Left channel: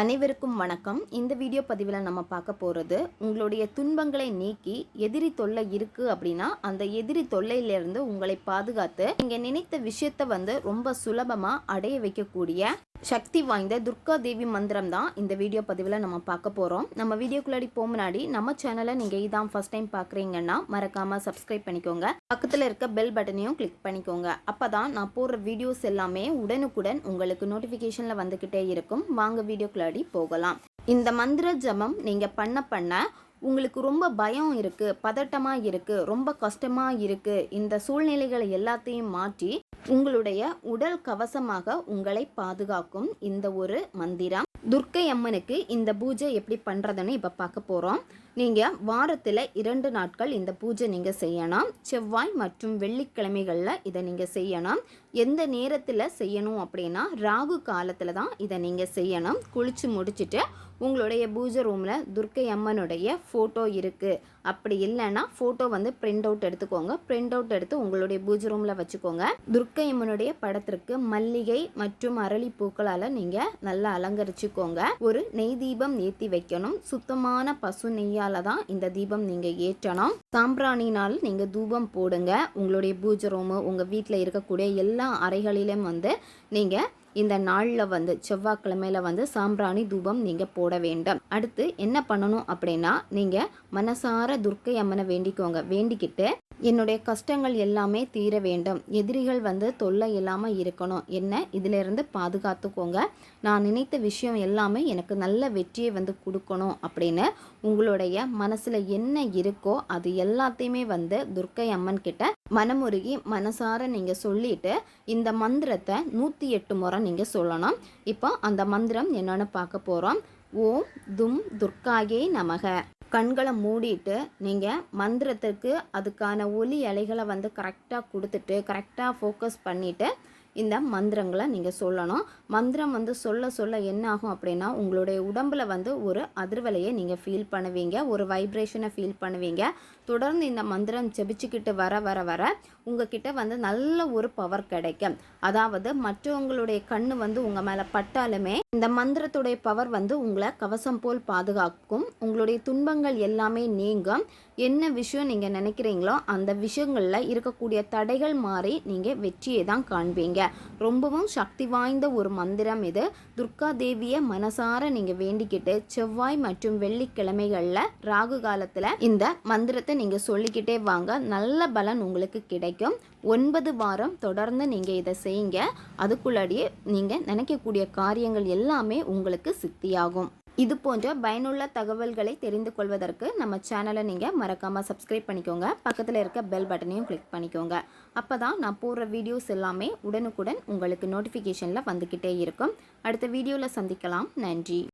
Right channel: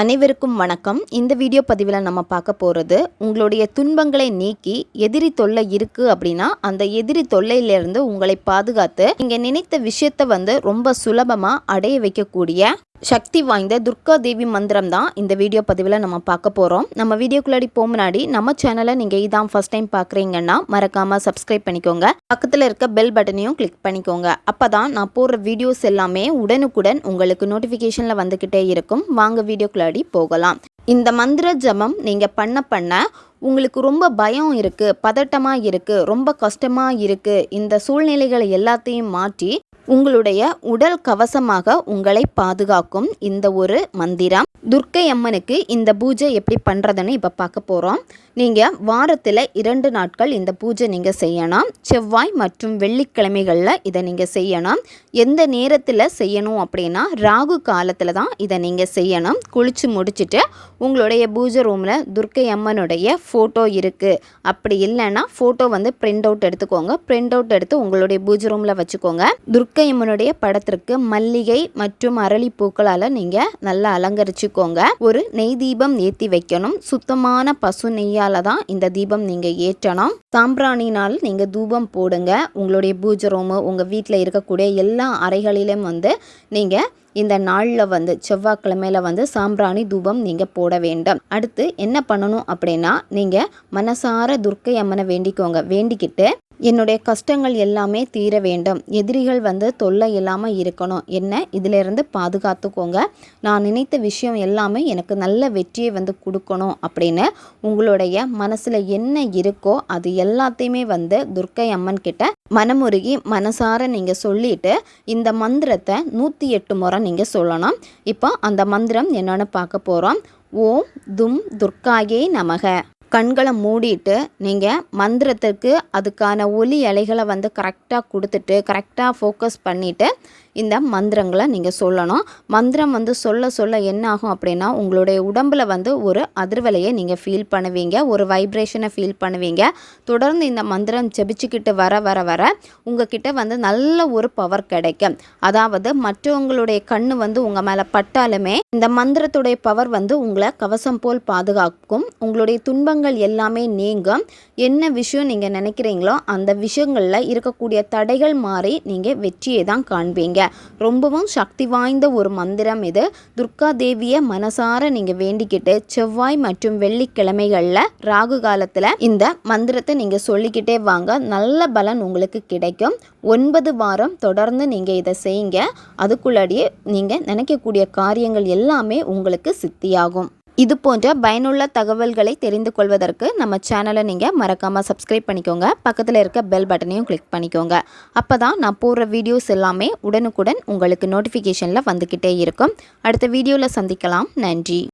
அனைவருக்கும் வணக்கம். இந்த வீடியோ பதிவில் நம்ம பார்க்க போகிறது, உங்களுடைய துன்பங்களை நீக்கி எதிரி தொல்லை இருக்குது அப்படின்னா அந்த எதிரி தொல்லையிலேருந்து உங்களை பாதுகாத்து நீங்கள் நினைத்த விஷயத்தை ரொம்ப சுலபமாக அடைய வைக்கக்கூடிய சக்தி வாய்ந்த துர்கா தேவி மந்திரம் தான் இந்த வீடியோ பதிவில் நம்ம பார்க்க போகிறோம். நம்ம வீடியோக்குள்ளாடி போக முன்னாடி நம்ம சேனலை நீங்கள் இதான் ஃபர்ஸ்ட் டைம் பார்க்குறீங்கன்னா மறக்காமல் சப்ஸ்கிரைப் பண்ணிக்கோங்க. பக்கத்தில் இருக்க பெல் பட்டனையும் கிளிக் பண்ணிக்கோங்க. அப்போ தான் நான் போடுற வீடியோஸ் எல்லாமே உடனுக்குடன் உங்களுக்கு நோட்டிஃபிகேஷனில் வந்துக்கிட்டே இருக்கும். வாங்க வீடியோக்குள்ளாடி போகலாம். இந்த மந்திர ஜபம் நீங்கள் பண்ண உங்களுக்கு ரொம்ப பயம் இருக்குது, பதட்டமாக இருக்குது, ரொம்ப கஷ்டமாக இருக்குது, இந்த சூழ்நிலைகளை எல்லாத்தையும் மாற்றி உங்களுடைய உடல் கவசமாக உங்களை பாதுகாக்கும் இந்த ஒரு மந்திரம். துர்க்கை அம்மனுக்கு இந்த பூஜை எப்படி பண்ணுறதுன்னு இப்போ பார்க்க போகிறோம். நீங்கள் வாரத்தில் 2 நாட்கள் இந்த பூஜை நீங்கள் செய்யணும். செவ்வாய் மற்றும் வெள்ளிக்கிழமைகளில் இதை நீங்கள் செய்யணும். எந்த நேரத்தில் செய்யணும் அப்படின்னா ராகு காலத்தில் தான் இதை நீங்கள் செய்யணும். குளித்து முடிச்சுட்டு உங்களுடைய பூஜை ரூமில் துர்க்கை அம்மனுடைய ஃபோட்டோ இருக்குது, அப்படி இல்லைன்னா ஃபோட்டோ பிரிண்ட் அவுட் எடுத்துக்கோங்க. பிரிண்ட் அவுட் எடுத்து உங்களுடைய பூஜை ரூமில் வச்சுக்கோங்க. துர்க்கை அம்மனுடைய படத்திற்கு மல்லிகை மற்றும் அரளி பூக்களால் நீங்கள் நல்லா அலங்கரிச்சுக்கோங்க. ஒரு நெய் தீபம் ஏற்றி வைக்கணும். சுத்தமான பசு நெய்யால் தான் இந்த தீபம் நீங்கள் ஏற்றணும். சாம்பிராணினால் நீங்கள் தூபம் போடுங்க. உங்களுடைய பூஜை ரூமு, உங்கள் வீட்டில் இருக்கக்கூடிய எல்லா அறைகளிலும் நீங்கள் இந்த நாளில் செவ்வாய்க்கிழமையில் சாம்பிராணி தூபம் நீங்கள் போட வேண்டும். அடுத்து என்ன பண்ணணும் அப்படின்னா, நீங்கள் மனசார துர்க்கை அம்மனை வேண்டிக்கோங்க. வேண்டிக்கிட்டு என்னுடைய கஷ்டங்கள் எல்லாமே தீர வேண்டும், எதிரிகள் தொல்லை இல்லாமல் இருக்கணும், என்ன இதிலிருந்து பாதுகாத்துக்கோங்க, நான் நினைத்த விஷயம் எல்லாமே எனக்கு நல்ல வெற்றியை கொடுக்கணும் அப்படின்னு உங்களுடைய மனசில் என்ன இருக்கோ அது எல்லாத்தையுமே துர்க்கை அம்மன் கிட்ட மனமுருகி மனசார நீங்கள் சொல்லிட்டு இந்த மந்திரத்தை 108 முறை நீங்கள் சொல்லணும். இப்போ அந்த மந்திரம் என்னன்னு பார்க்க போகிறோம். ஓம் தும் துர்க்காயே நமக. கண்களை மூடிட்டு நீங்கள் மந்திரத்துக்கு அதுக்கான ஒலி அலைகளை கரெக்டாக கொடுத்துட்டு கரெக்டாக ஃபோக்கஸ் பண்ணிவிட்டு இந்த மந்திரங்களை நீங்கள் சொல்லணும். மந்திரம் சொல்ல சொல்ல என்ன ஆகும் அப்படின்னா, உங்களுடைய உடம்பில் ஒரு அதிர்வலையை நீங்கள் ஃபீல் பண்ணுவீங்க, ஒரு வைப்ரேஷனை ஃபீல் பண்ணுவீங்க. தொடர்ந்து இந்த மந்திரம் ஜெபிச்சுக்கிட்டு வர வர வர உங்ககிட்ட நல்ல ஒரு பவர் கிடைக்கும். அதாவது மற்றவங்களுடைய கண்ணு உங்கள் மேலே பட்டாலுமே இந்த மந்திரத்துடைய பவர் உங்களை கவசம் போல் பாதுகாக்கும். உங்களுடைய துன்பங்கள் எல்லாமே நீங்கும். என்ன விஷயம் நீங்கள் நினைக்கிறீங்களோ அந்த விஷயங்களில் இருக்கக்கூடிய தடைகள் மாறி நீங்கள் வெற்றியை தான் காண்பீங்க. ரொம்பவும் சக்தி வாய்ந்த ஒரு மந்திரம் இது. துர்கா தேவியை மனசார நீங்கள் வேண்டிக்கிட்டு செவ்வாய் மற்றும் வெள்ளிக்கிழமைகளில் ராகு காலத்தில் இந்த மந்திரத்தை நீங்கள் சொல்லிக்கிட்டே வாங்க. நல்ல பலன் உங்களுக்கு கிடைக்கும். 9 வாரம் தொடர்ந்து நீங்கள் இதை செய்யுங்க. அதுக்குள்ளாடியே நீங்கள் நினைக்கக்கூடிய காரியங்கள் எல்லாமே உங்களுக்கு சித்தியாகும். இது போன்ற பயனுள்ள தகவல்களை தெரிந்து கொள்வதற்கு நம்ம சேனலை நீங்கள் மறக்காமல் சப்ஸ்கிரைப் பண்ணிக்கோங்க. பக்கத்தில் இருக்க பெல் பட்டனையும் கிளிக் பண்ணிக்கோங்க. அப்போ தான் நான் போடுற வீடியோஸ் எல்லாமே உடனுக்குடன் உங்களுக்கு நோட்டிஃபிகேஷனில் வந்துக்கிட்டே இருக்கும். அடுத்த வீடியோவில் சந்திக்கலாம். நன்றி.